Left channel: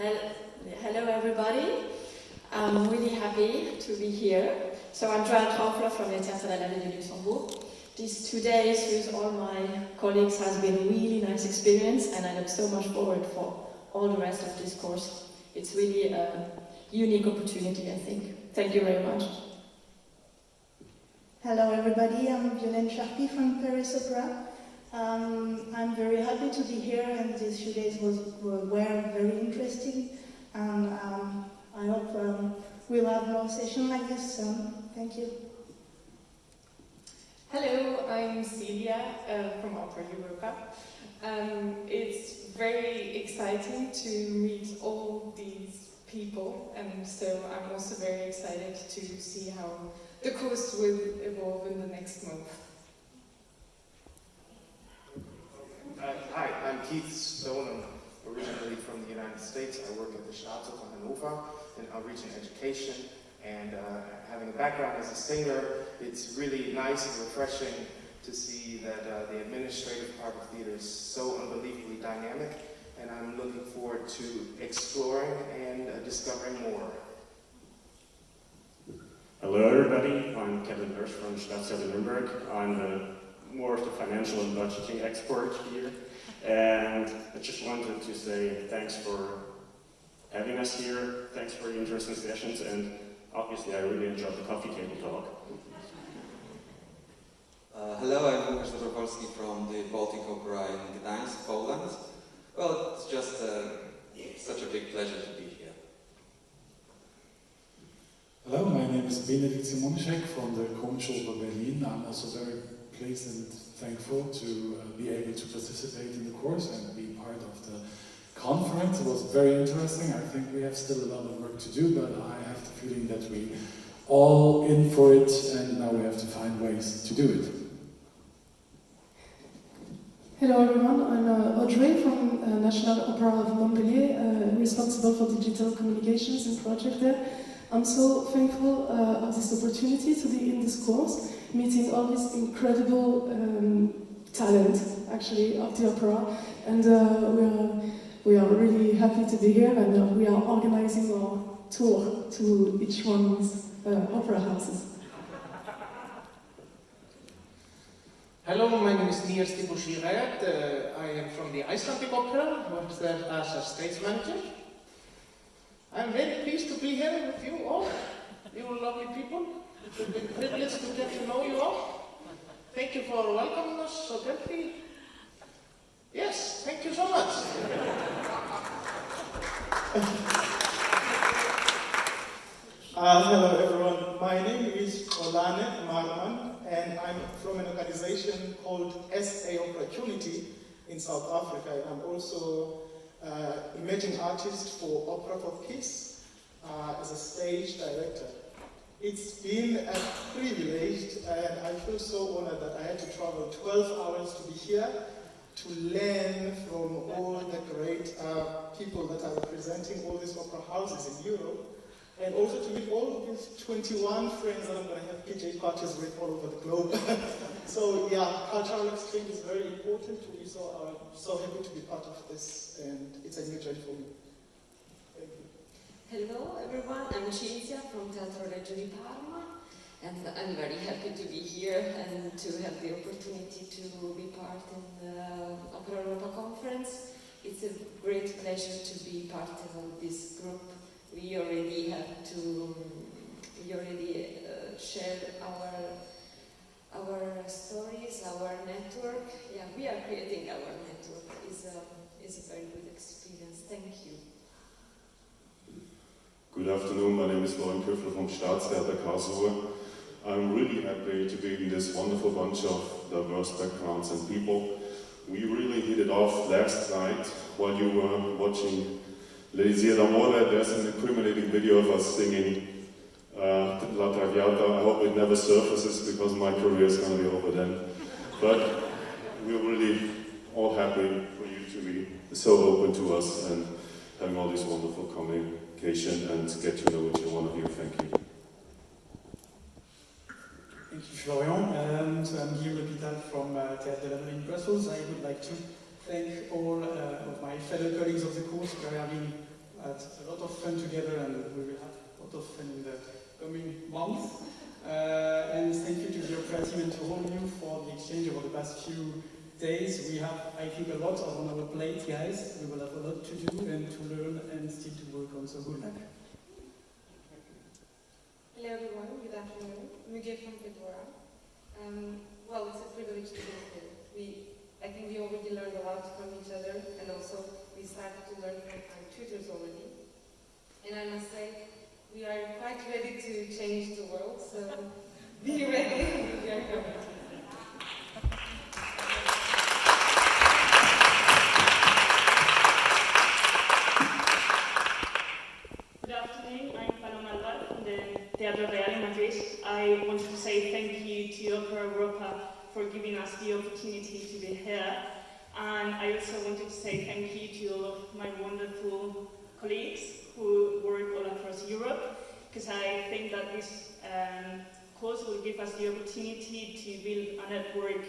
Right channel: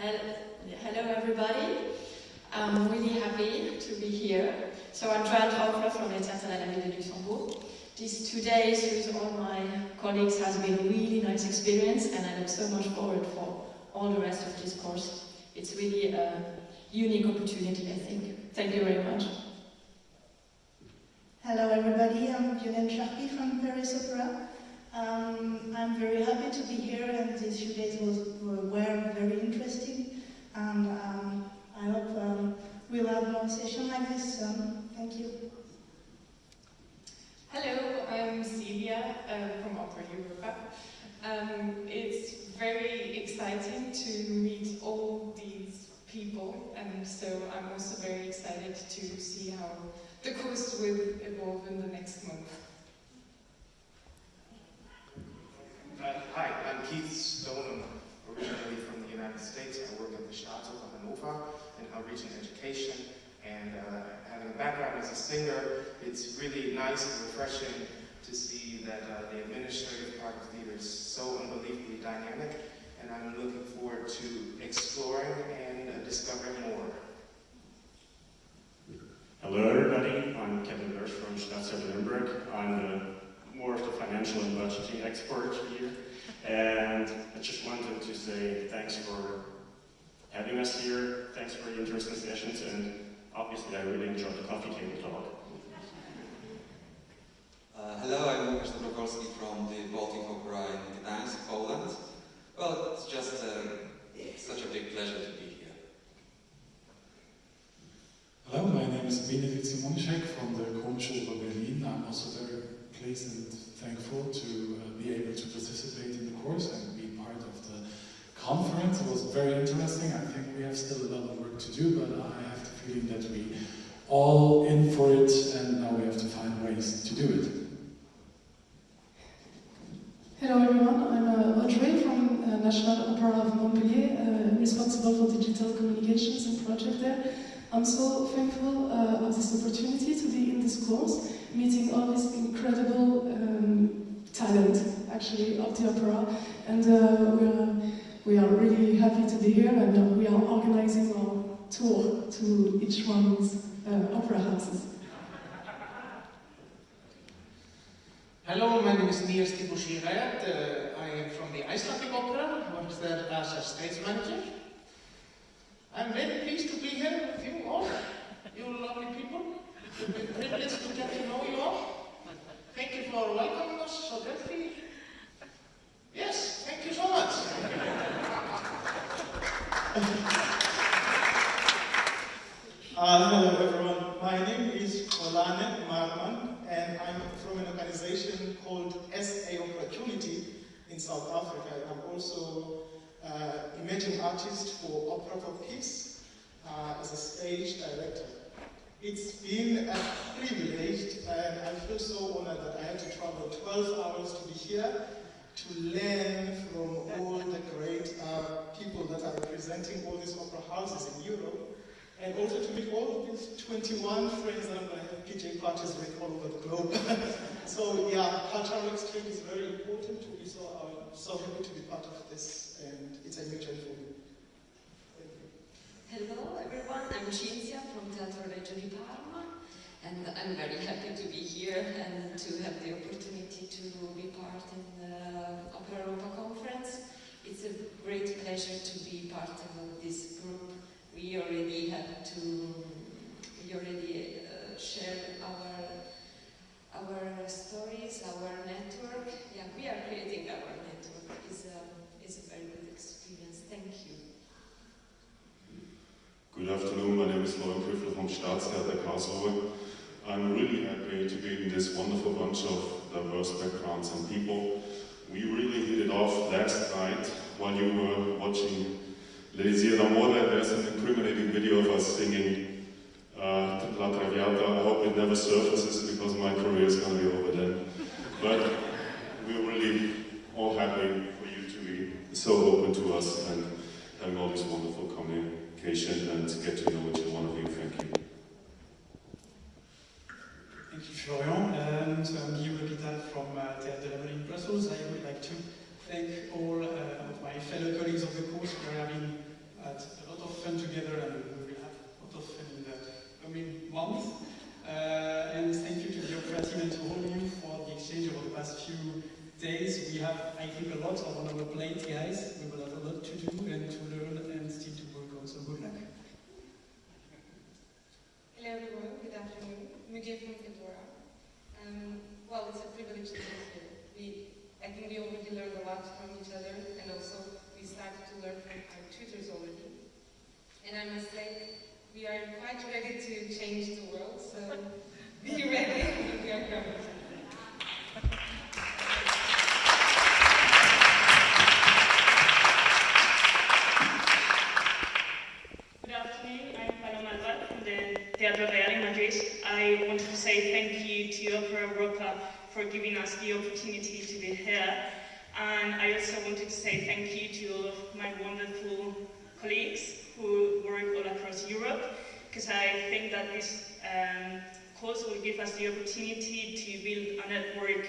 Hello everybody, I'm really happy to be here. So I'm Joanne Traufler from Elixir de la Ville de Luxembourg. These 2 days with all my colleagues has been a really nice experience, and I look so much forward for all the rest of this course. It's really a unique opportunity, I think. Thank you very much. Hello everybody, I'm Violaine Charpie from Paris Opera. I'm very happy to be here, and these few days were very interesting, and I hope we'll have more sessions like this soon. Thank you. Hello, I'm Celia from Opera Europa. It's very exciting to meet all these people, and so I'm also very excited to see how the course will evolve in the next month. Hi, I'm Keith Stone. I'm originally from the United States. I work at the Bergamo Nov in outreach and education. And having a background as a singer, it's really nice and refreshing to see that the administrative part of theater is so unbelievably dynamic. And I'm looking forward to exploring and discovering more. Hello everybody, I'm Kevin Hirsch from Staatstheater Nuremberg. I'm more of the financial and budgeting expert here, and I just wanted to say thanks for having us here, thanks for the interesting sessions, and obviously I really enjoyed the coffee table talk. Hello, I'm Łukasz Dobrowolski from the Baltic Opera in Gdańsk, Poland. Well, it's just such a big pleasure to be here. Hello, my name is Benedikt Simonczek from the Komisch Oper Berlin. I'm also very pleased and thankful to be able to participate in the course and be part of the conference. It was very interesting. I think we have still a lot of work to do, but I have the feeling that we all in for it, and now we have to find ways to do it. Hello everyone, I'm Audrey from National Opera of Montpellier, responsible for digital communications and project there. I'm so thankful of this opportunity to be in this course, meeting all this incredible talent, actually, of the opera, and we are really happy to be here, and we are organizing our tour to each one's opera houses. Hello, my name is Niels Tibushirayat. I am from the Icelandic Opera, works there as a stage manager. I'm very pleased to be here with you all, you lovely people. It's been a privilege to get to know you all. Thank you for welcoming us so gently. Yes, thank you so much. Hello everyone, my name is Olane Marman, and I'm from an organization called SA Opportunity in South Africa. I'm also emerging artist for Opera for Peace as a stage director. It's been a privilege, and I feel so honored that I had to travel 12 hours to be here to learn from all the great people that are representing all these opera houses in Europe, and also to meet all of these 21 friends that I'm going to have PJ parties with all over the globe. So yeah, cultural exchange is very important to me, so I'm so happy to be part of this, and it's a new journey for me. Thank you. Hello everyone, I'm Cinzia from Teatro Reggio di Parma, and I'm very happy to be here and to have the opportunity to be part in the Opera Europa conference. It's a great pleasure to be part of this group. We already shared our stories, our network. Yeah, we are creating our network. It's a very good experience. Thank you. Good afternoon, my name is Florian Püffler from Staatstheater Karlsruhe. I'm really happy to be in this wonderful bunch of diverse backgrounds and people. We really hit it off last night while you were watching Elixir. There's an incriminating video of us singing La Traviata. I hope it never surfaces because my career is going to be over then. But we're really all happy for you to be so open to us and having all this wonderful communication and get to know each one of you. Thank you. Thank you, Florian. And I'm Guillaume L'Hôpital from Théâtre de la Ville in Brussels. I would like to thank all of my fellow colleagues of the course for having month. And thank you to the Opera team and to all of you for the exchange over the past few days. We have, I think, a lot on our plate, guys. We will have a lot to do and to learn and still to work on, so good luck. Hello everyone, good afternoon. Mugia from Fedora. Well, it's a privilege to be here. I think we already learned a lot from each other, and also we started to learn from our tutors already. And I must say, we are quite ready to change the world, so be ready if you are coming. Good afternoon, I'm Paloma Alvar from the Teatro Real in Madrid. I want to say thank you to Opera Europa for giving us the opportunity to be here. And I also wanted to say thank you to all of my wonderful colleagues who work all across Europe, because I think that this course will give us the opportunity to build a network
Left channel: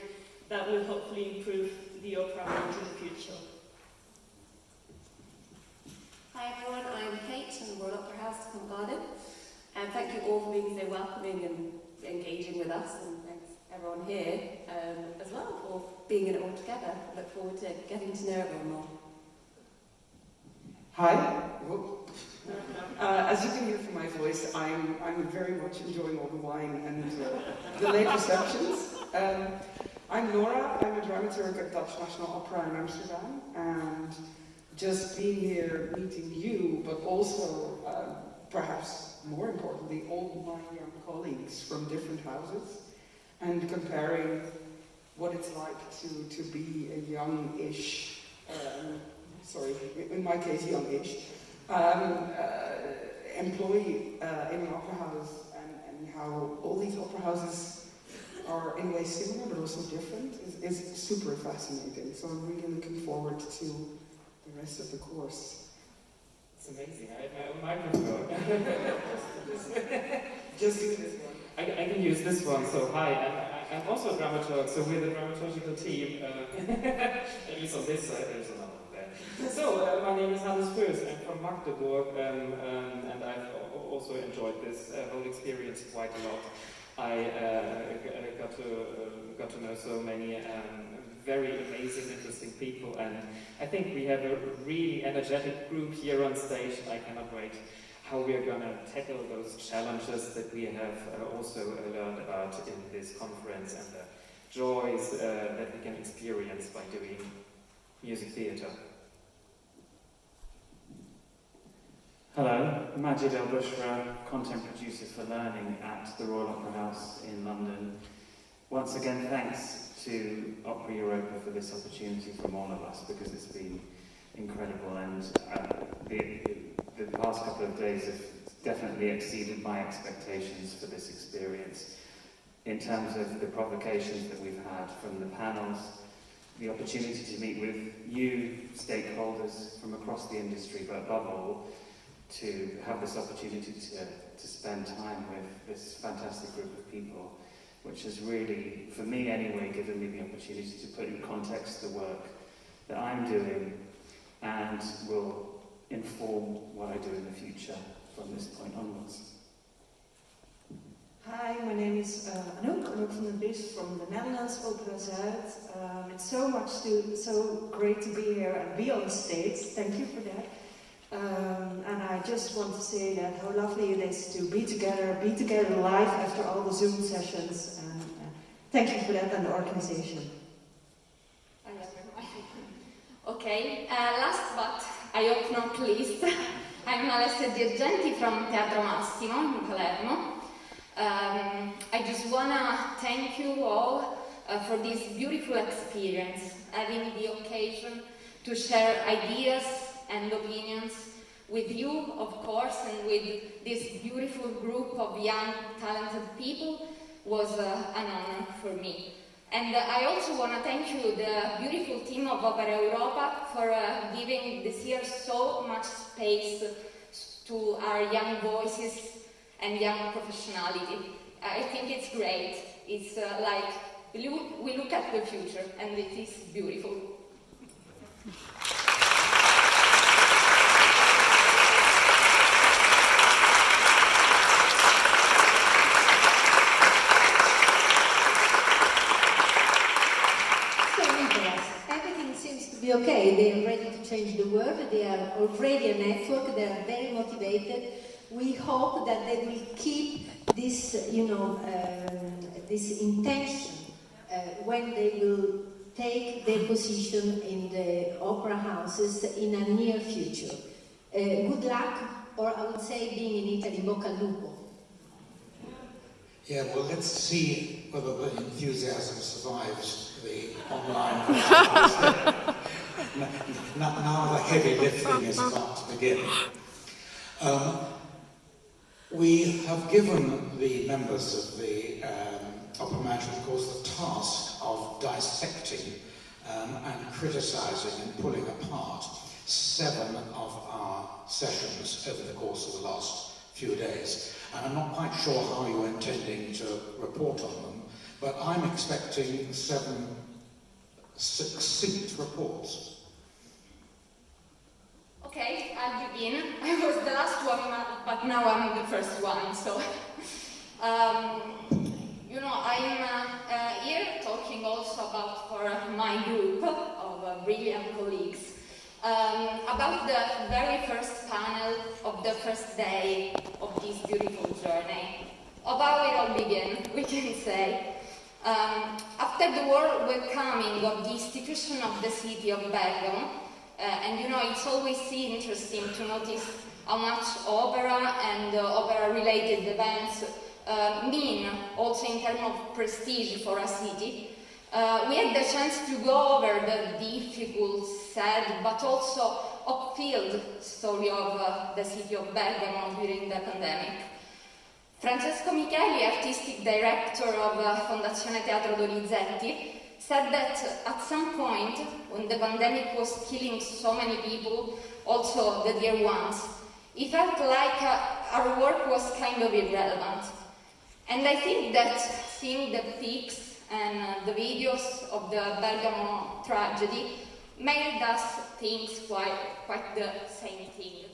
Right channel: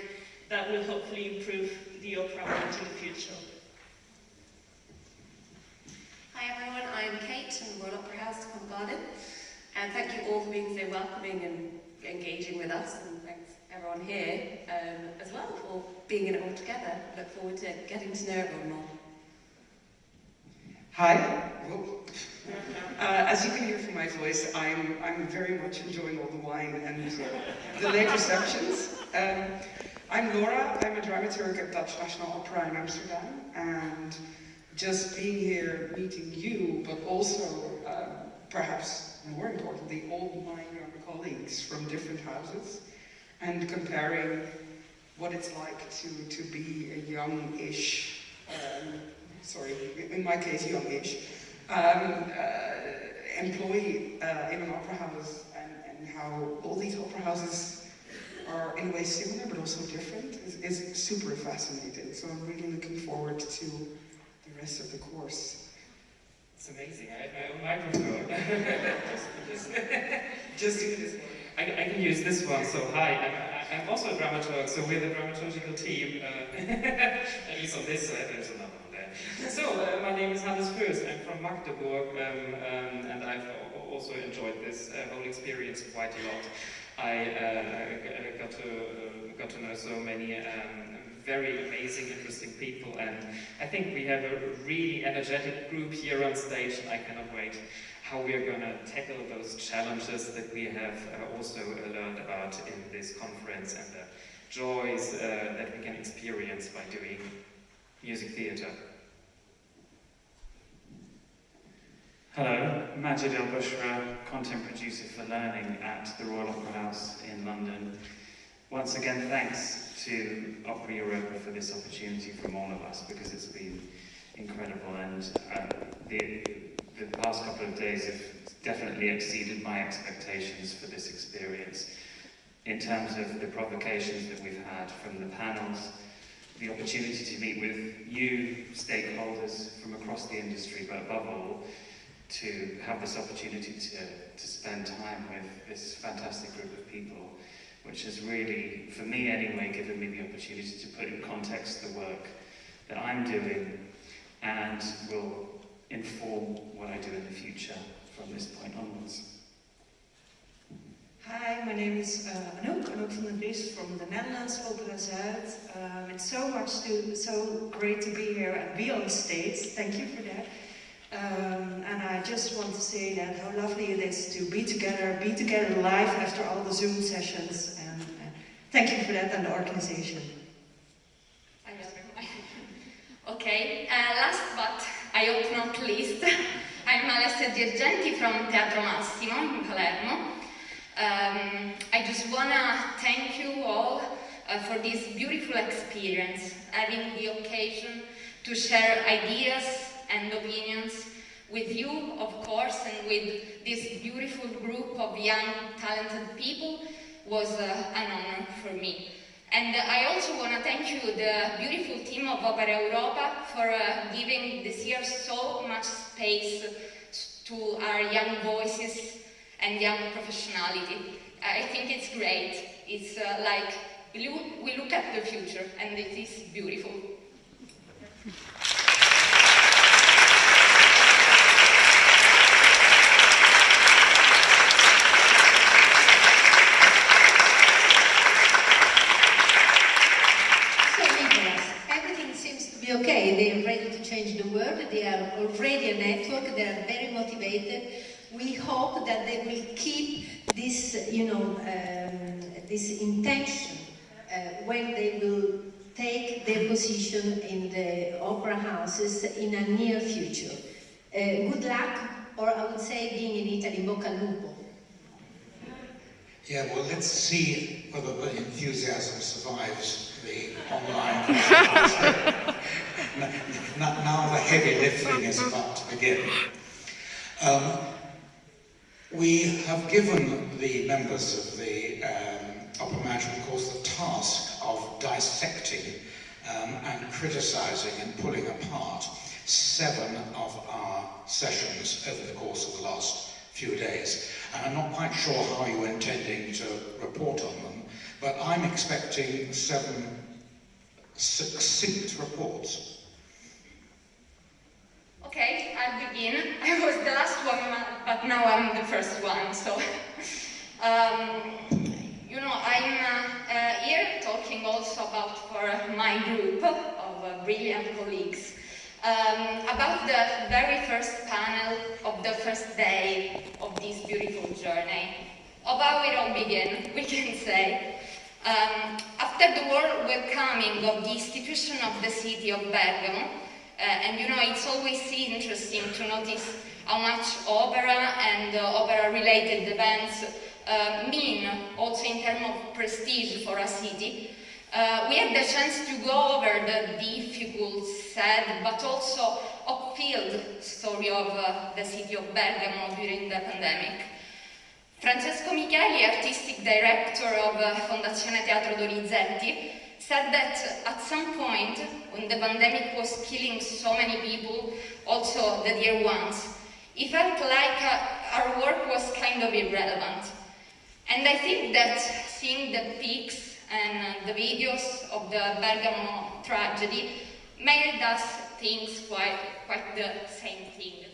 that will hopefully improve the opera world in the future. Hi everyone, I'm Kate from the Royal Opera House, Covent Garden, and thank you all for being so welcoming and engaging with us, and thanks everyone here as well for being in it all together. I look forward to getting to know everyone more. Hi. As you can hear from my voice, I'm very much enjoying all the wine and the late receptions. I'm Laura. I'm a dramaturg at Dutch National Opera in Amsterdam, and just being here, meeting you, but also, perhaps more importantly, all my young colleagues from different houses, and comparing what it's like to be a young-ish, in my case, young-ish, employee in an opera house, and how all these opera houses are in a way similar but also different is super fascinating. So I'm really looking forward to the rest of the course. It's amazing. I have my own microphone. Just do this one. I can use this one. So hi, I'm also a dramaturg. So we're the dramaturgical team. At least on this side, there's another one there. So my name is Hannes Föß. I'm from Magdeburg, and I've also enjoyed this whole experience quite a lot. I got to know so many very amazing, interesting people, and I think we have a really energetic group here on stage, and I cannot wait how we are going to tackle those challenges that we have also learned about in this conference, and the joys that we can experience by doing music theatre. Hello, Majid El Bushra, content producer for learning at the Royal Opera House in London. Once again, thanks to Opera Europa for this opportunity from all of us, because it's been incredible, and the past couple of days have definitely exceeded my expectations for this experience in terms of the provocations that we've had from the panels, the opportunity to meet with you, stakeholders from across the industry, but above all, to have this opportunity to spend time with this fantastic group of people, which has really, for me anyway, given me the opportunity to put in context the work that I'm doing and will inform what I do in the future from this point onwards. Hi, my name is Anouk van der Vries from the Netherlands, Opera Zuid. It's so great to be here and be on stage. Thank you for that. And I just want to say that how lovely it is to be together live after all the Zoom sessions. And thank you for that and the organization. Okay, last but I hope not least, I'm Alessia Dirgenti from Teatro Massimo in Palermo. I just wanna thank you all for this beautiful experience, having the occasion to share ideas and opinions with you, of course, and with this beautiful group of young, talented people was an honor for me. And I also want to thank you, the beautiful team of Opera Europa, for giving this year so much space to our young voices and young professionality. I think it's great. It's like we look at the future, and it is beautiful. already a network. They are very motivated. We hope that they will keep this, this intention when they will take their position in the opera houses in a near future. Good luck, or I would say, being in Italy, bocca al lupo. Yeah, well, let's see whether the enthusiasm survives the online. Now the heavy lifting is about to begin. We have given the members of the Opera Management Course the task of dissecting and criticising and pulling apart 7 of our sessions over the course of the last few days. And I'm not quite sure how you're intending to report on them, but I'm expecting 7 succinct reports. Okay, I'll begin. I was the last one, but now I'm the first one, so... I'm here talking also about for my group of brilliant colleagues about the very first panel of the first day of this beautiful journey, of how it all began, we can say. After the world welcoming of the institution of the city of Bergamo, and it's always interesting to notice how much opera and opera-related events mean also in terms of prestige for a city. We had the chance to go over the difficult, sad, but also up-field story of the city of Bergamo during the pandemic. Francesco Micheli, artistic director of Fondazione Teatro Donizetti, said that at some point, when the pandemic was killing so many people, also the dear ones, he felt like our work was kind of irrelevant. And I think that seeing the pics and the videos of the Bergamo tragedy made us think quite the same thing.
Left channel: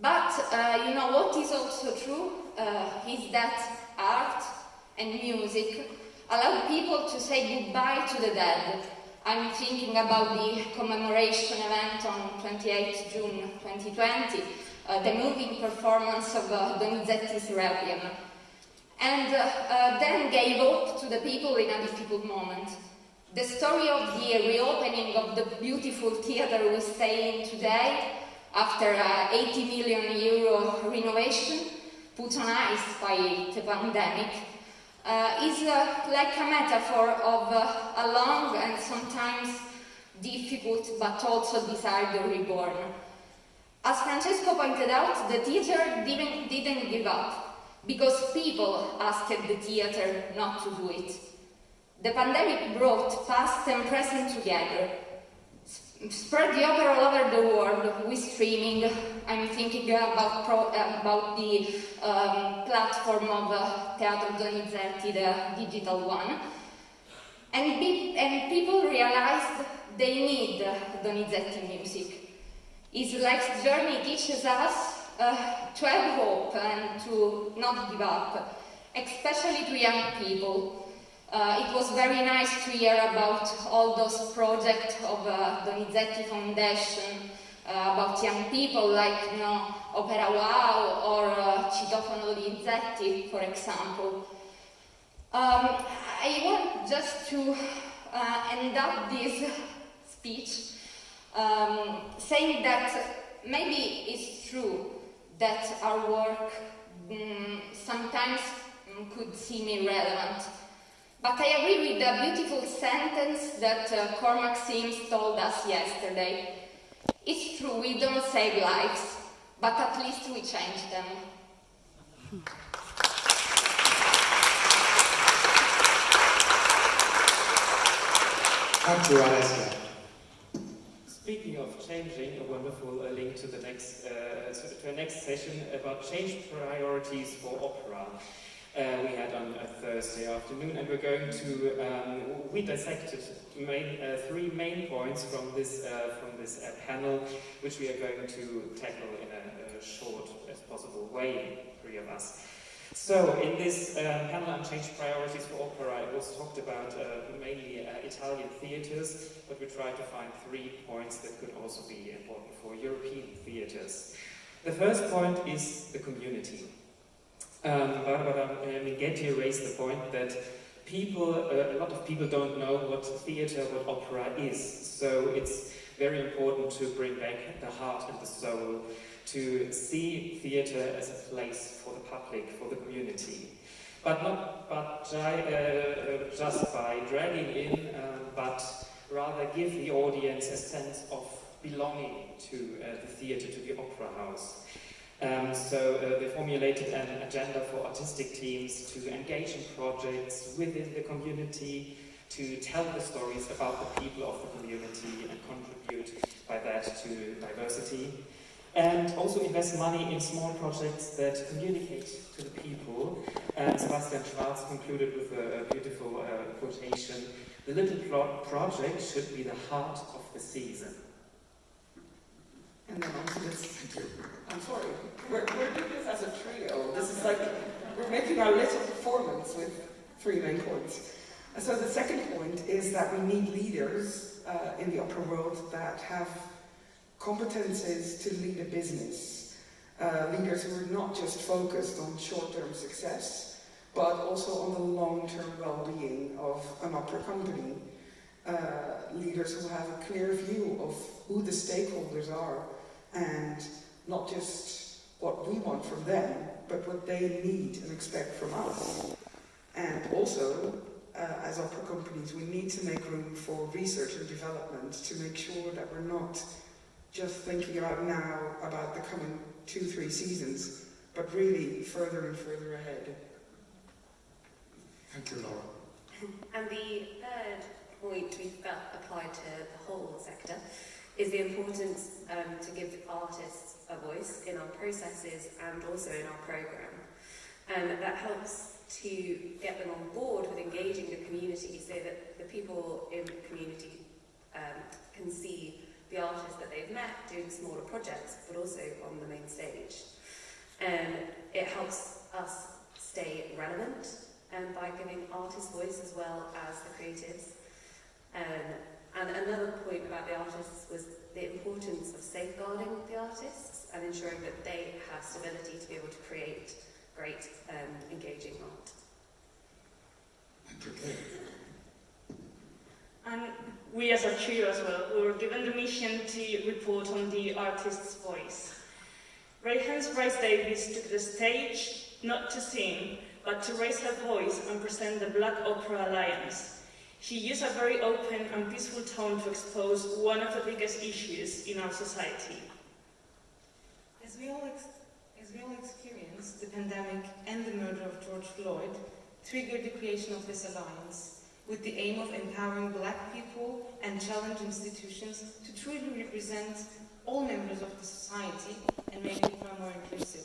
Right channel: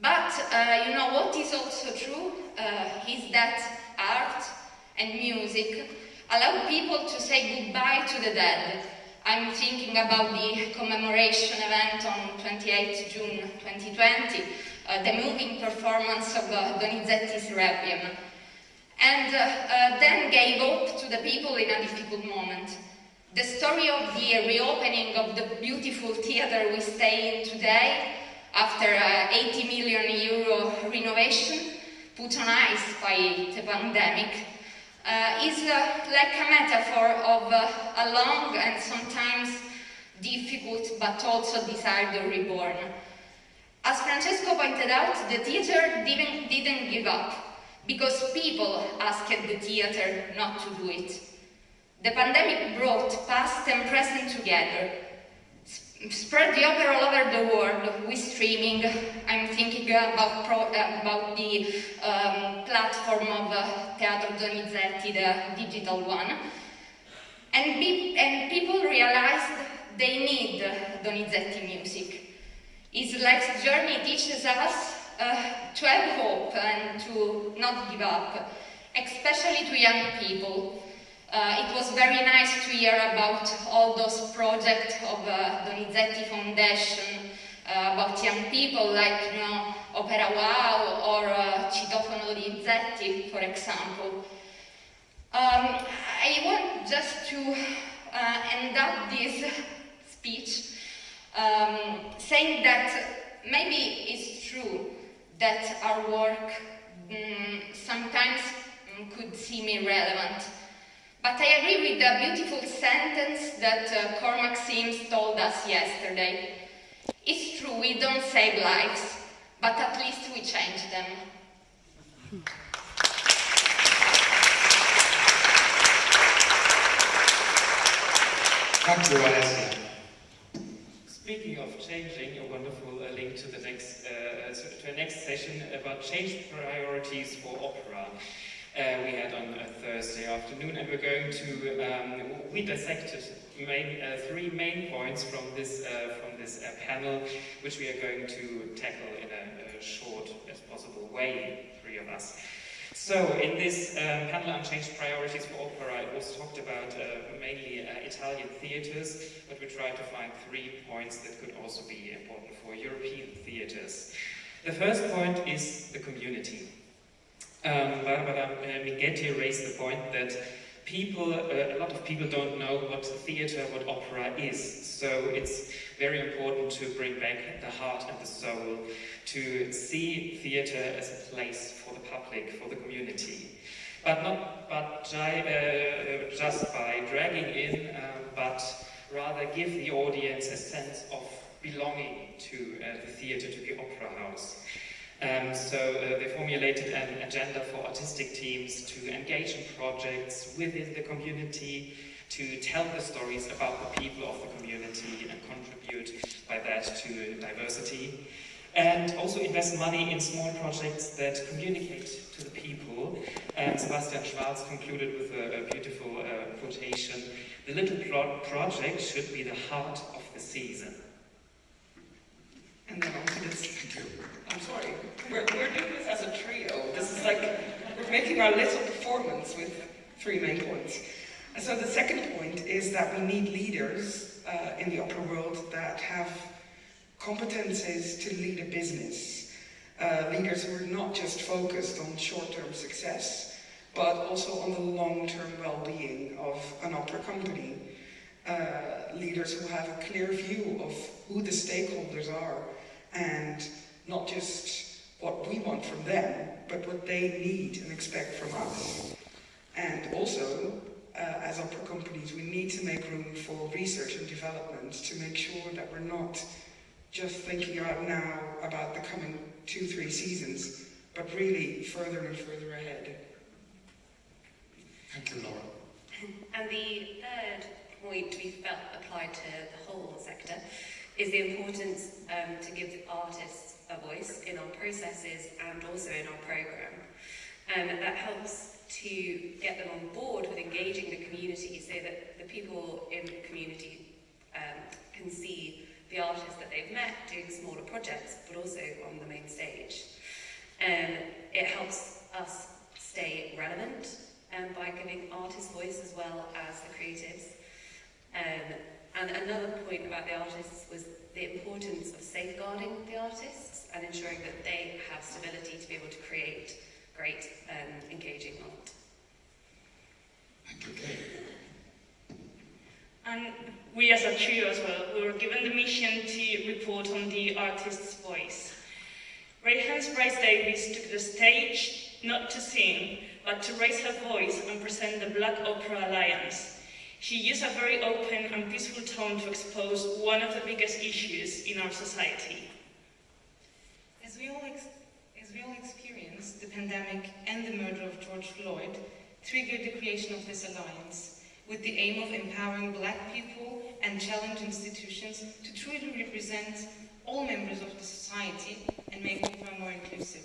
But, what is also true is that art and music allow people to say goodbye to the dead. I'm thinking about the commemoration event on 28th June 2020, the moving performance of Donizetti's Requiem, and then gave hope to the people in a difficult moment. The story of the reopening of the beautiful theatre we stay in today, after €80 million renovation put on ice by the pandemic, is like a metaphor of a long and sometimes difficult but also desired reborn. As Francesco pointed out, the theatre didn't give up because people asked the theatre not to do it. The pandemic brought past and present together, spread the opera all over the world with streaming. I'm thinking about the platform of Teatro Donizetti, the digital one. And people realized they need Donizetti music. His life's journey teaches us to have hope and to not give up, especially to young people. It was very nice to hear about all those projects of Donizetti Foundation, about young people like, Opera Wow or Citofono Donizetti, for example. I want just to end up this speech saying that maybe it's true that our work sometimes could seem irrelevant. But I agree with the beautiful sentence that Cormac Sims told us yesterday. It's true, we don't save lives, but at least we change them. Thank you, Alessia. Speaking of changing, a wonderful link to the next session about change priorities for opera. We had on a Thursday afternoon, and we're going to we dissected 3 main points from this panel, which we are going to tackle in a short as possible way, 3 of us. So, in this panel Unchanged Priorities for Opera, it was talked about mainly Italian theatres, but we tried to find 3 points that could also be important for European theatres. The first point is the community. Barbara Minghetti raised the point that a lot of people don't know what theatre, what opera is. So it's very important to bring back the heart and the soul, to see theatre as a place for the public, for the community. But not just by dragging in, but rather give the audience a sense of belonging to the theatre, to the opera house. So they formulated an agenda for artistic teams to engage in projects within the community, to tell the stories about the people of the community and contribute by that to diversity. And also invest money in small projects that communicate to the people. Sebastian Schwarz concluded with a beautiful quotation: "The little project should be the heart of the season." And then on to this. Thank you. I'm sorry. We're doing this as a trio. This is like we're making our little performance with 3 main points. And so the second point is that we need leaders in the opera world that have competences to lead a business. Leaders who are not just focused on short-term success, but also on the long-term well-being of an opera company. Leaders who have a clear view of who the stakeholders are and not just what we want from them, but what they need and expect from us. And also, as opera companies, we need to make room for research and development to make sure that we're not just thinking about now about the coming 2-3 seasons, but really further and further ahead. Thank you, Laura. And the third point we felt applied to the whole sector is the importance to give artists a voice in our processes and also in our programme. And that helps to get them on board with engaging the community so that the people in the community can see the artists that they've met doing smaller projects, but also on the main stage. It helps us stay relevant by giving artists voice as well as the creatives. And another point about the artists was the importance of safeguarding the artists and ensuring that they have stability to be able to create great, engaging art. Thank you, Kate. And we as a trio as well, we were given the mission to report on the artist's voice. Rayhan's Bryce Davis took the stage not to sing, but to raise her voice and present the Black Opera Alliance. She used a very open and peaceful tone to expose one of the biggest issues in our society. As we all experienced, the pandemic and the murder of George Floyd triggered the creation of this alliance, with the aim of empowering Black people and challenge institutions to truly represent all members of the society and make opera more inclusive.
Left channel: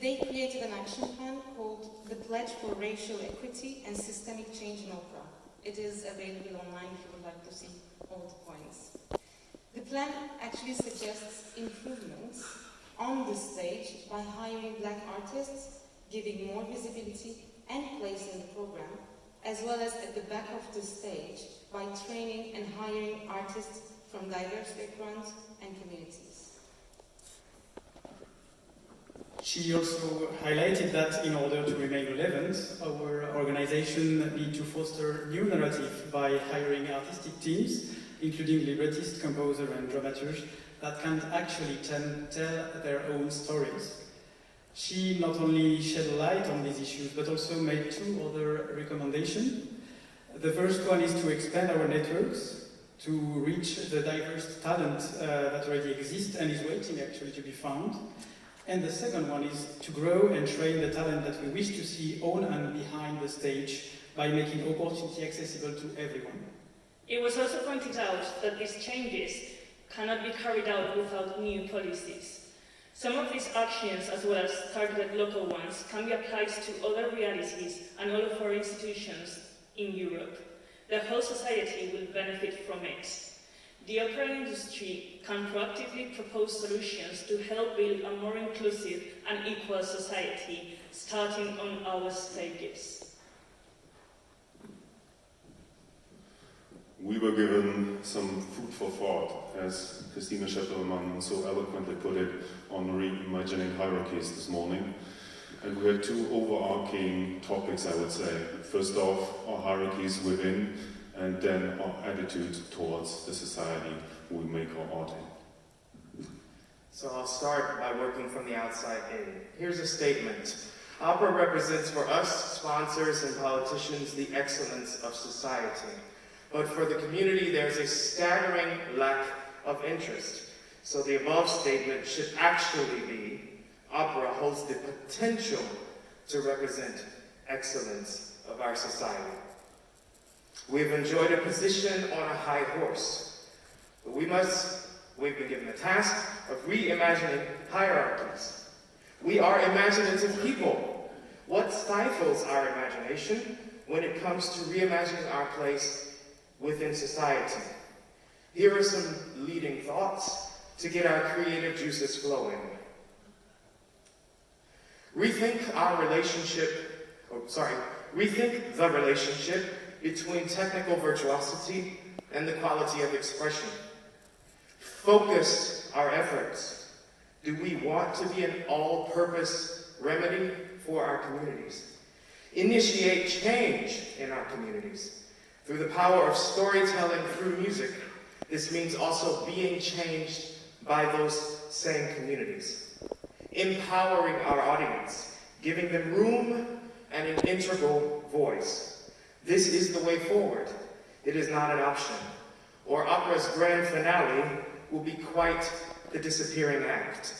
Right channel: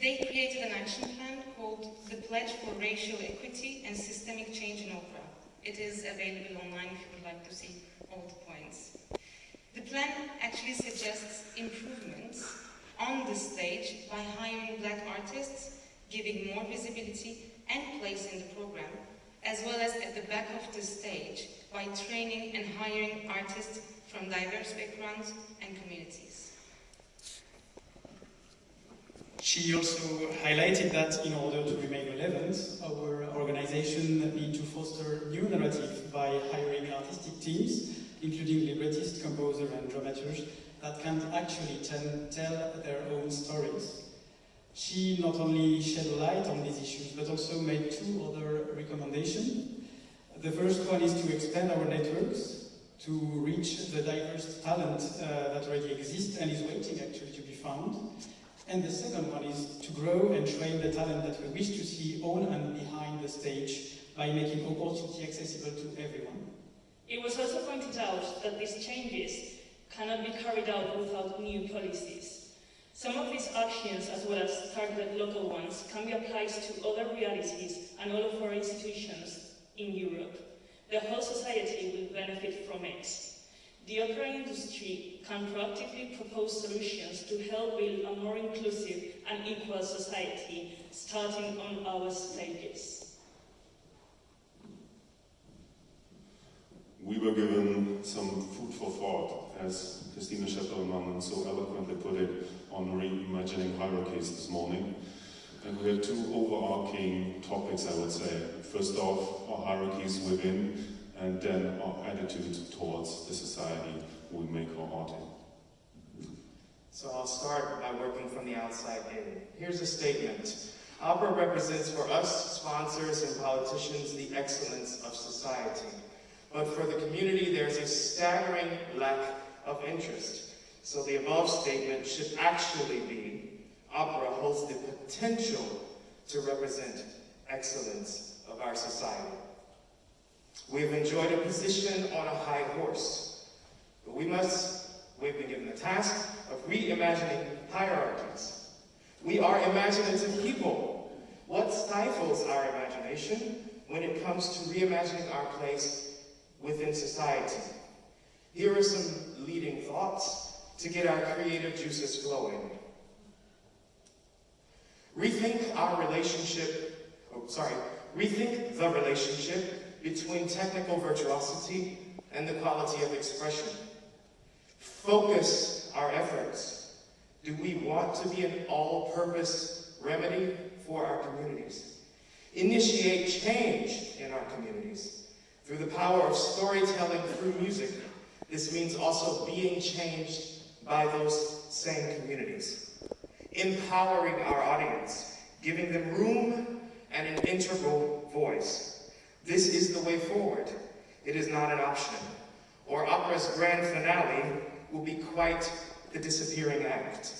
They created an action plan called the Pledge for Racial Equity and Systemic Change in Opera. It is available online if you would like to see all the points. The plan actually suggests improvements on the stage by hiring Black artists, giving more visibility and place in the program, as well as at the back of the stage by training and hiring artists from diverse backgrounds and communities. She also highlighted that in order to remain relevant, our organization needs to foster new narrative by hiring artistic teams, including librettists, composers and dramaturgs, that can actually tell their own stories. She not only shed light on these issues, but also made 2 other recommendations. The first one is to expand our networks to reach the diverse talent that already exists and is waiting actually to be found. And the second one is to grow and train the talent that we wish to see on and behind the stage by making opportunity accessible to everyone. It was also pointed out that these changes cannot be carried out without new policies. Some of these actions, as well as targeted local ones, can be applied to other realities and all of our institutions in Europe. The whole society will benefit from it. the opera industry can proactively propose solutions to help build a more inclusive and equal society, starting on our stages. We were given some food for thought, as Christina Scheffermann so eloquently put it, on reimagining hierarchies this morning. And we had two overarching topics, I would say. First off, our hierarchies within, and then our attitude towards the society we make our art in. So I'll start by working from the outside in. Here's a statement. Opera represents for us, sponsors and politicians, the excellence of society. But for the community, there's a staggering lack of interest. So the above statement should actually be, opera holds the potential to represent excellence of our society. We've enjoyed a position on a high horse, but we've been given the task of reimagining hierarchies. We are imaginative people. What stifles our imagination when it comes to reimagining our place within society? Here are some leading thoughts to get our creative juices flowing. Rethink the relationship between technical virtuosity and the quality of expression. Focus our efforts. Do we want to be an all-purpose remedy for our communities? Initiate change in our communities. Through the power of storytelling through music, this means also being changed by those same communities. Empowering our audience, giving them room and an integral voice. This is the way forward. It is not an option. Or opera's grand finale will be quite the disappearing act.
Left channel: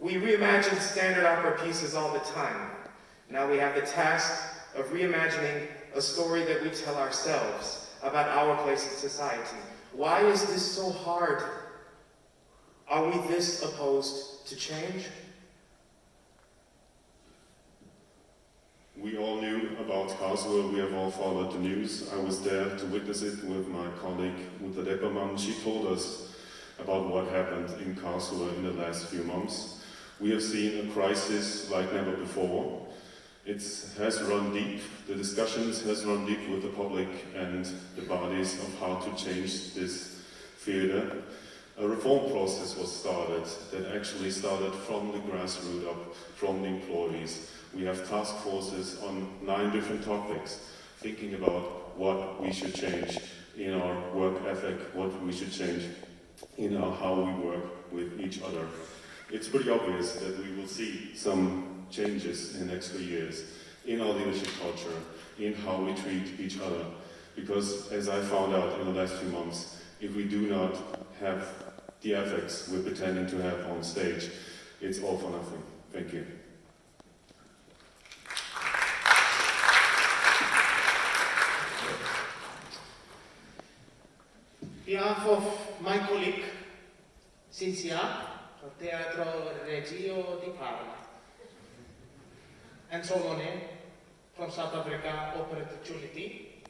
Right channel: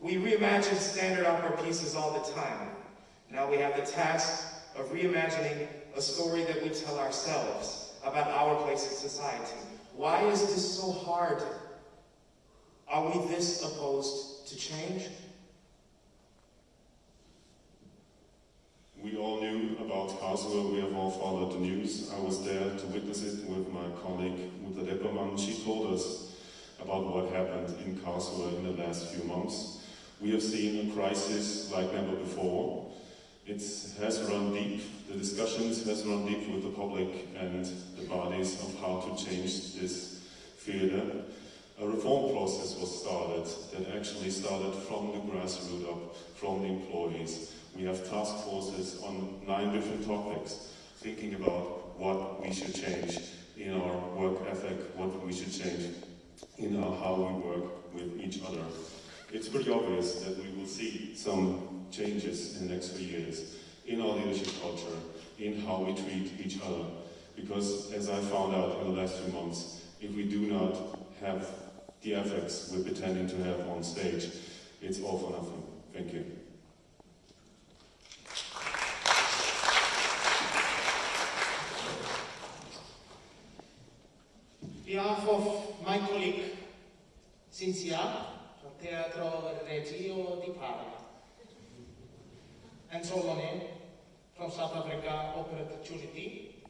We reimagine standard opera pieces all the time. Now we have the task of reimagining a story that we tell ourselves about our place in society. Why is this so hard? Are we this opposed to change? We all knew about Karlsruhe, we have all followed the news. I was there to witness it with my colleague Uta Deppermann. She told us about what happened in Karlsruhe in the last few months. We have seen a crisis like never before. It has run deep. The discussions has run deep with the public and the bodies of how to change this theatre. A reform process was started that actually started from the grassroots up, from the employees. We have task forces on 9 different topics, thinking about what we should change in our work ethic, what we should change in how we work with each other. It's pretty obvious that we will see some changes in the next 3 years in our leadership culture, in how we treat each other. Because as I found out in the last few months, if we do not have the ethics we're pretending to have on stage, it's all for nothing. Thank you. On behalf of my colleague, Cynthia, from Teatro Regio di Parma, and Solomon from South Africa Opportunity,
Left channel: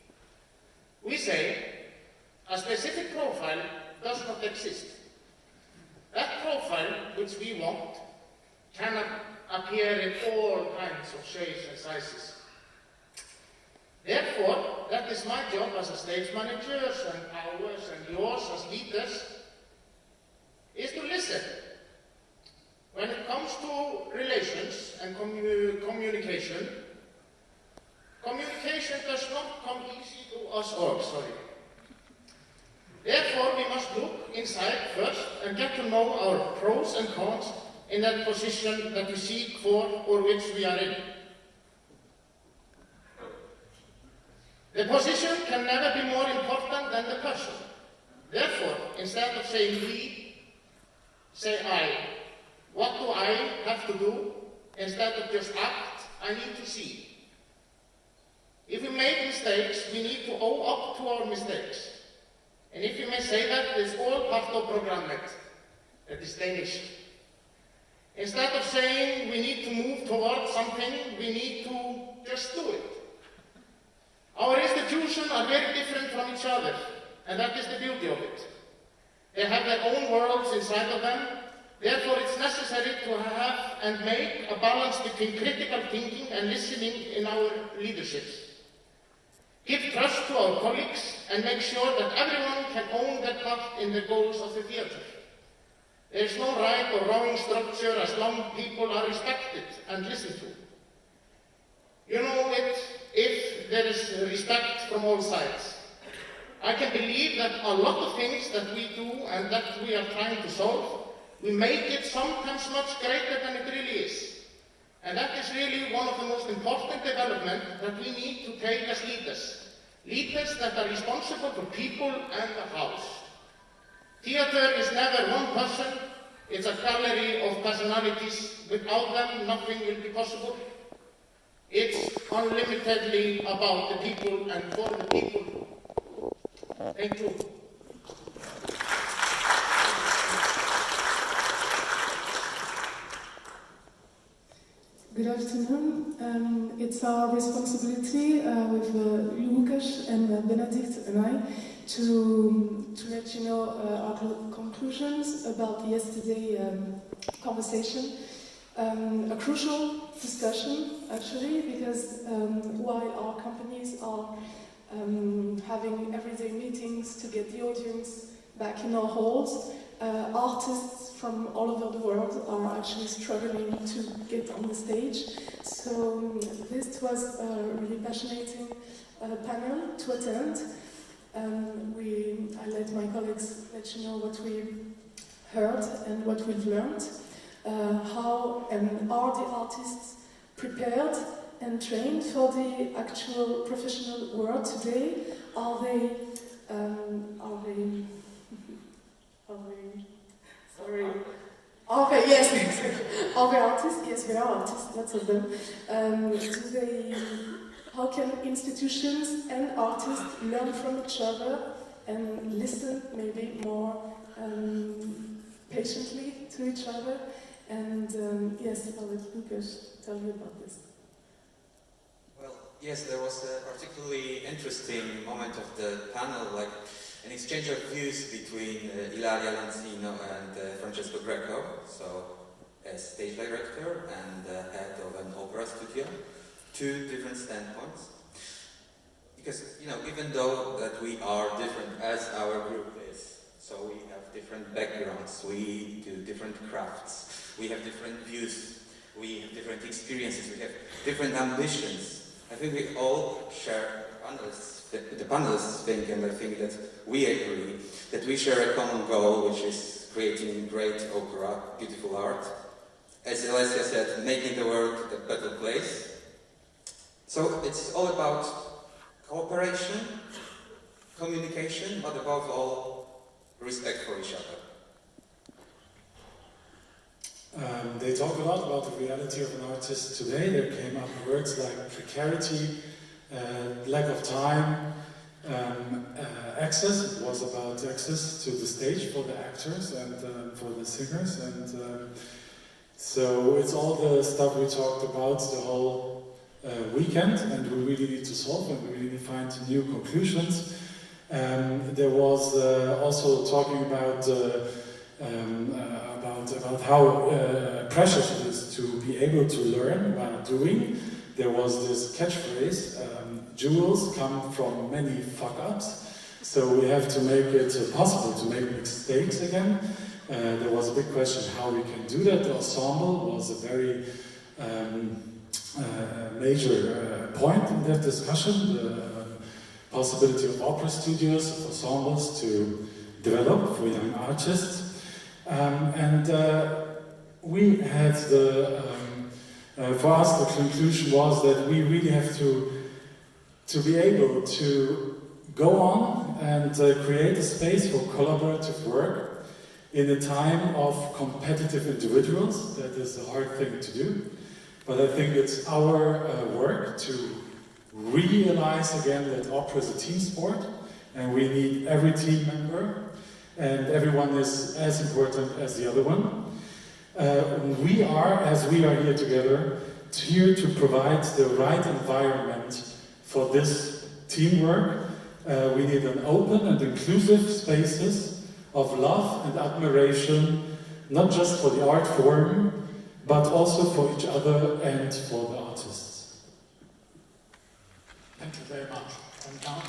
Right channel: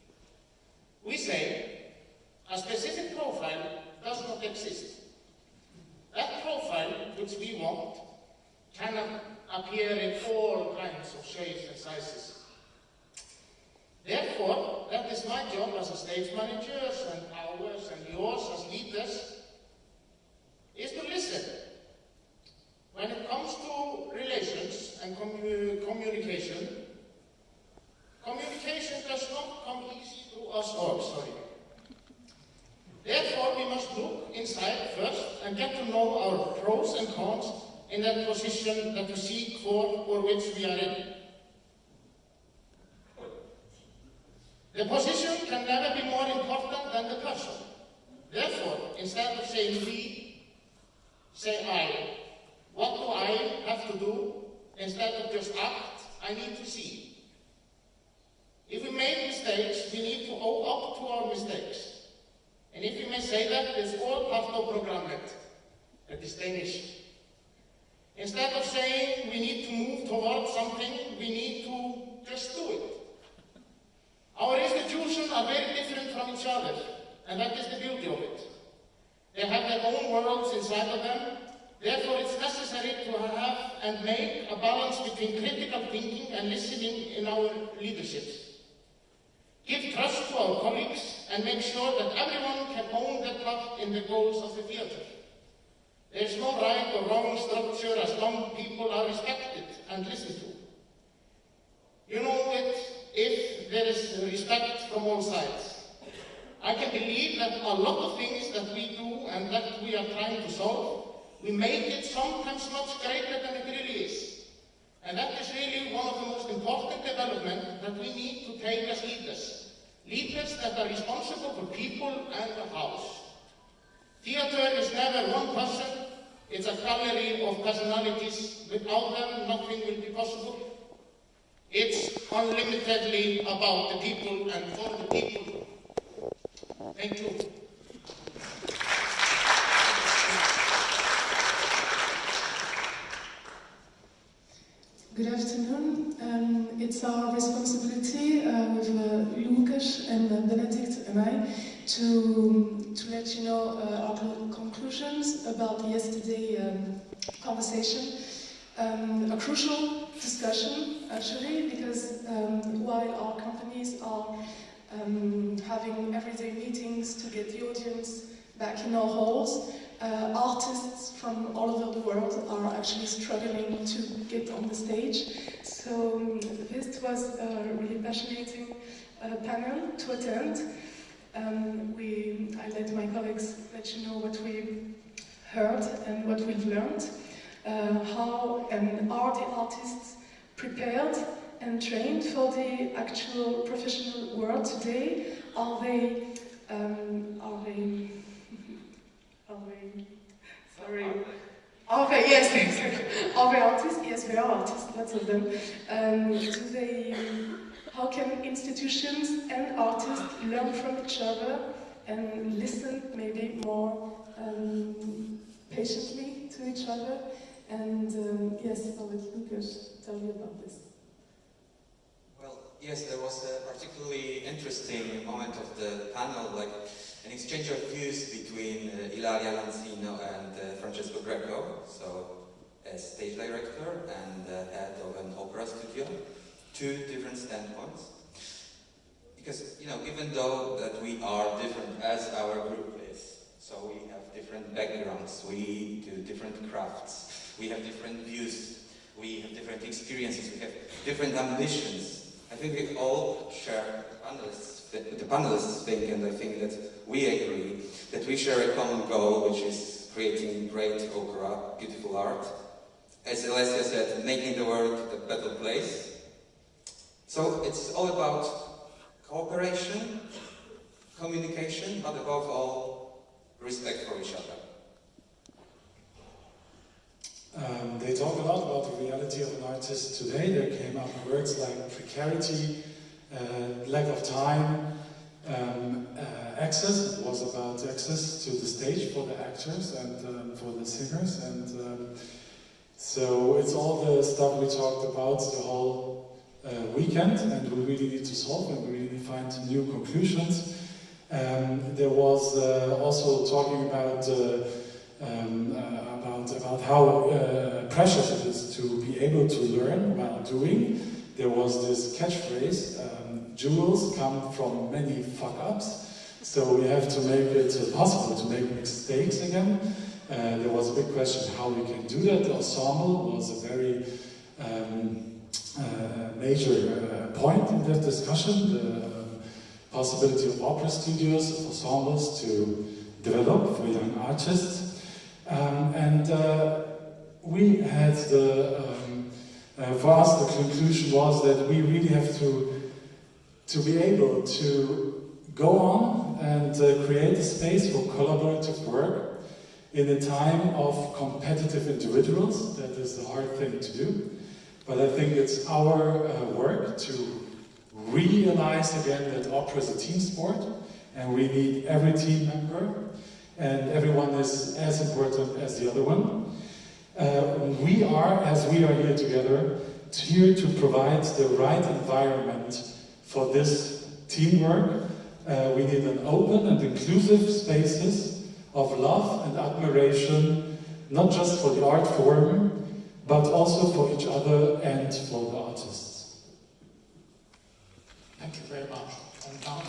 we say a specific profile does not exist. That profile which we want can appear in all kinds of shapes and sizes. Therefore, that is my job as a stage manager and ours and yours as leaders, is to listen. When it comes to relations and communication, communication does not come easy to us all, Therefore, we must look inside first and get to know our pros and cons in that position that we seek for or which we are in. The position can never be more important than the person. Therefore, instead of saying we, say I. What do I have to do? Instead of just act, I need to see. If we make mistakes, we need to own up to our mistakes. And if you may say that, it's all part of programmet, that is Danish. Instead of saying we need to move towards something, we need to just do it. Our institutions are very different from each other. and that is the beauty of it. They have their own worlds inside of them. Therefore, it's necessary to have and make a balance between critical thinking and listening in our leaderships. Give trust to our colleagues and make sure that everyone can own their part in the goals of the theatre. There is no right or wrong structure as long as people are respected and listened to. You know it if there is respect from all sides. I can believe that a lot of things that we do and that we are trying to solve, we make it sometimes much greater than it really is. And that is really one of the most important developments that we need to take as leaders. Leaders that are responsible for people and the house. Theatre is never one person, it's a gallery of personalities. Without them, nothing will be possible. It's unlimitedly about the people and for the people. Thank you. Good afternoon. It's our responsibility with Lukas and Benedict and I to let you know our conclusions about yesterday conversation. A crucial discussion, actually, because while our companies are having everyday meetings to get the audience back in our halls, artists from all over the world are actually struggling to get on the stage. So this was a really passionate panel to attend. I let my colleagues let you know what we heard and what we've learned. How are the artists prepared and trained for the actual professional world today? Are they yes, exactly. Are they artists? Yes, they are artists, lots of them. How can institutions and artists learn from each other and listen maybe more patiently to each other? And yes, I'll let Lukas tell you about this. Well, yes, there was a particularly interesting moment of the panel, like an exchange of views between Ilaria Lancino and Francesco Greco, so a stage director and head of an opera studio, two different standpoints. Because, you know, even though that we are different as our group is, so we have different backgrounds, we do different crafts, we have different views, we have different experiences, we have different ambitions. I think we all share the panelists think, and I think that we agree that we share a common goal, which is creating great opera, beautiful art. As Alessia said, making the world a better place. So it's all about cooperation, communication, but above all, respect for each other. They talk a lot about the reality of an artist today. There came up words like precarity, lack of time, access. It was about access to the stage for the actors and for the singers. And so it's all the stuff we talked about the whole weekend, and we really need to solve and we really need to find new conclusions. There was also talking about how precious it is to be able to learn while doing. There was this catchphrase, jewels come from many fuck-ups, so we have to make it possible to make mistakes again. There was a big question how we can do that. The ensemble was a very major point in that discussion, the possibility of opera studios, of ensembles to develop for young artists. We had for us the conclusion was that we really have to be able to go on and create a space for collaborative work in a time of competitive individuals. That is the hard thing to do. But I think it's our work to realize again that opera is a team sport and we need every team member and everyone is as important as the other one. We are, as we are here together, here to provide the right environment for this teamwork We need an open and inclusive spaces of love and admiration, not just for the art form, but also for each other and for the artists. Thank you very much. And now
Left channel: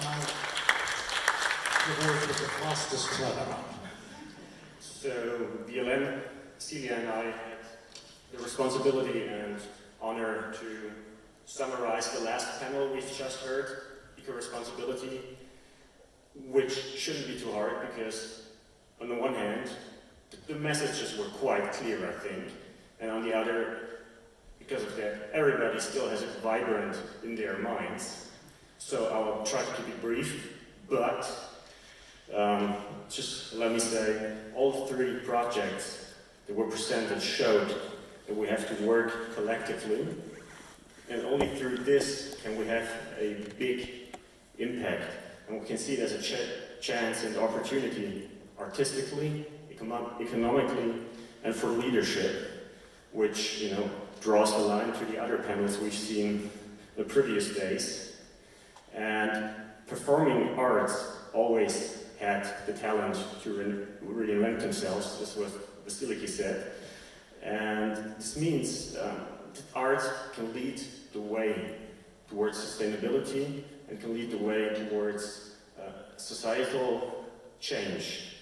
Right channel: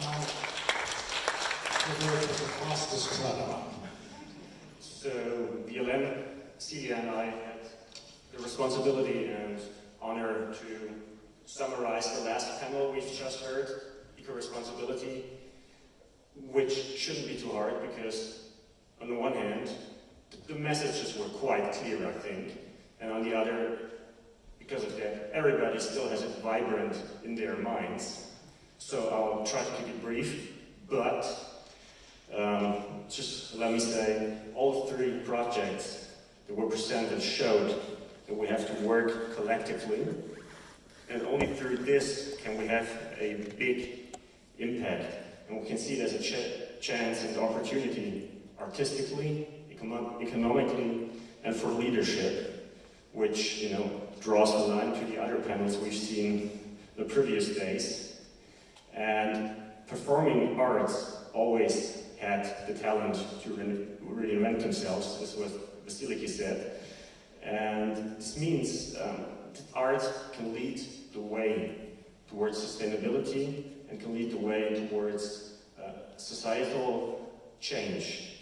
the word with the fastest turnaround. So, Violaine, Celia and I had the responsibility and honor to summarize the last panel we've just heard, eco-responsibility, which shouldn't be too hard because, on the one hand, the messages were quite clear, I think, and on the other, because of that, everybody still has it vibrant in their minds. So I'll try to keep it brief, but just let me say, all three projects that were presented showed that we have to work collectively, and only through this can we have a big impact. And we can see it as a chance and opportunity, artistically, economically, and for leadership, which, you know, draws the line to the other panels we've seen the previous days. And performing arts always had the talent to reinvent themselves, that's what Vasiliki said. And this means that art can lead the way towards sustainability and can lead the way towards societal change.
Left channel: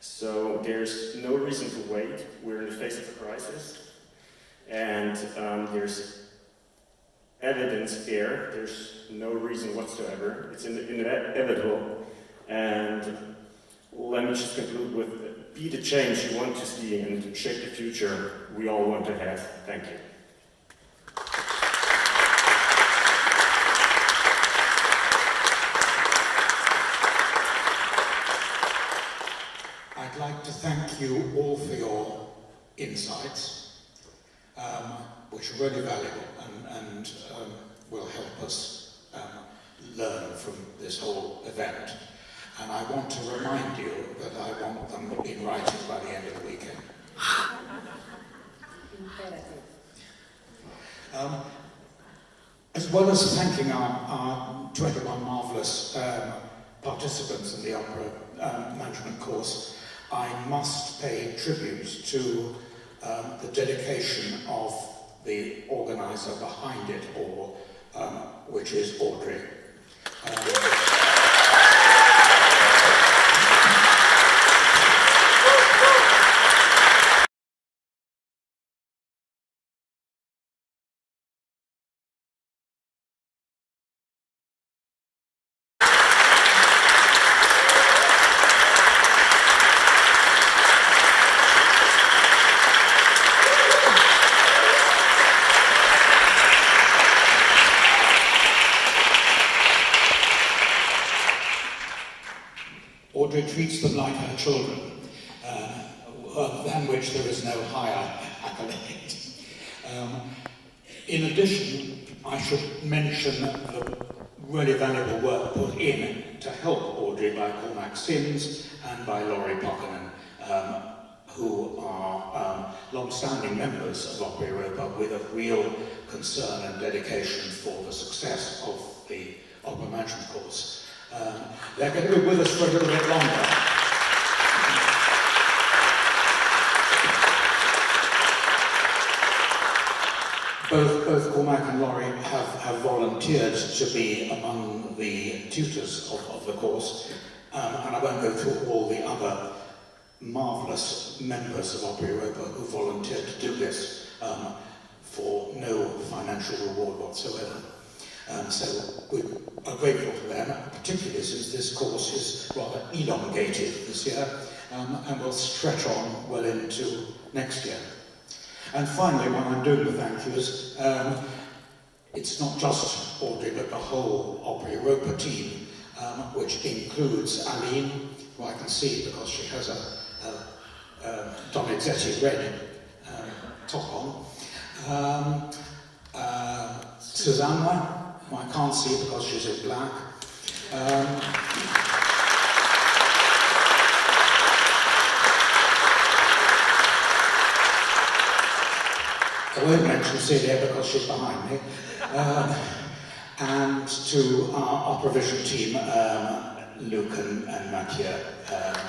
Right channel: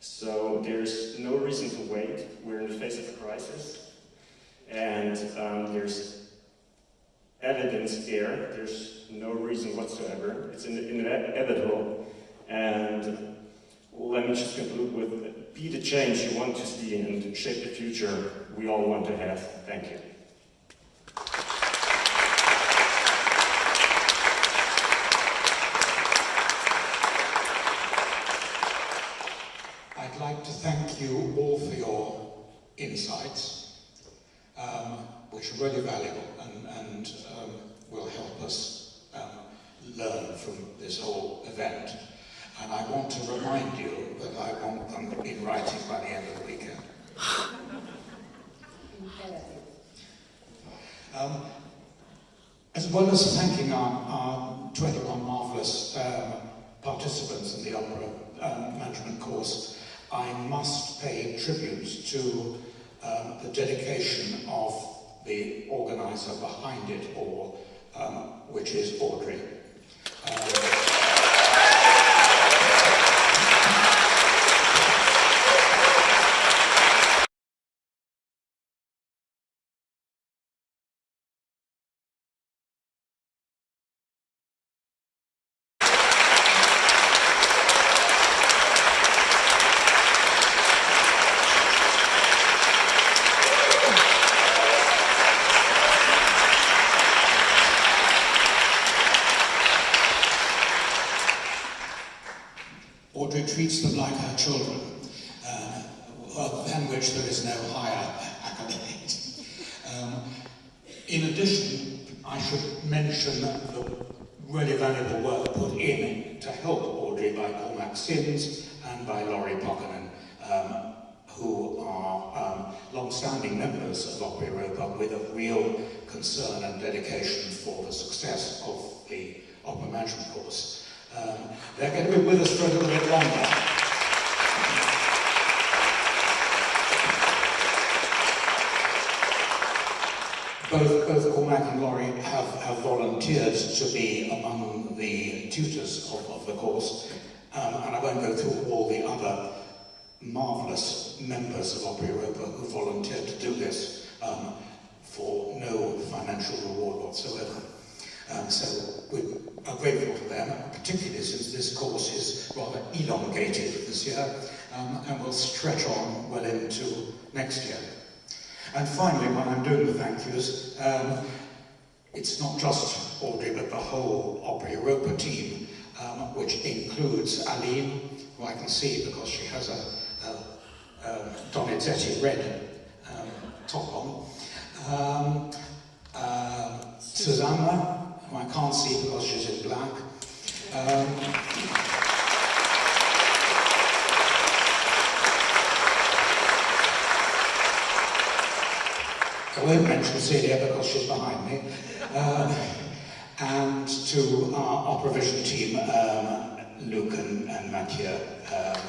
So there's no reason to wait. We're in the face of a crisis, and there's evidence there. There's no reason whatsoever. It's inevitable. And let me just conclude with: be the change you want to see and shape the future we all want to have. Thank you. I'd like to thank you all for your insights, which are really valuable and will help us learn from this whole event. And I want to remind you that I want them in writing by the end of the weekend. As well as thanking our 21 marvellous participants in the opera management course, I must pay tribute to the dedication of the organiser behind it all, which is Audrey. Audrey treats them like her children, than which there is no higher accolade. In addition, I should mention the really valuable work put in to help Audrey by Cormac Sims and by Laurie Pockenan, who are long-standing members of Opera Europa with a real concern and dedication for the success of the opera management course. They're going to be with us for a little bit longer. Both Cormac and Laurie have volunteered to be among the tutors of the course, and I won't go through all the other marvellous members of Opera Europa who volunteered to do this for no financial reward whatsoever. So we are grateful to them, particularly since this course is rather elongated this year and will stretch on well into next year. And finally, when I'm doing the thank yous, it's not just Audrey but the whole Opera Europa team, which includes Aline, who I can see because she has a Donizetti red top on, Susanna, who I can't see because she's in black. I won't mention Celia because she's behind me. And to our Opera Vision team, Luke and Mathieu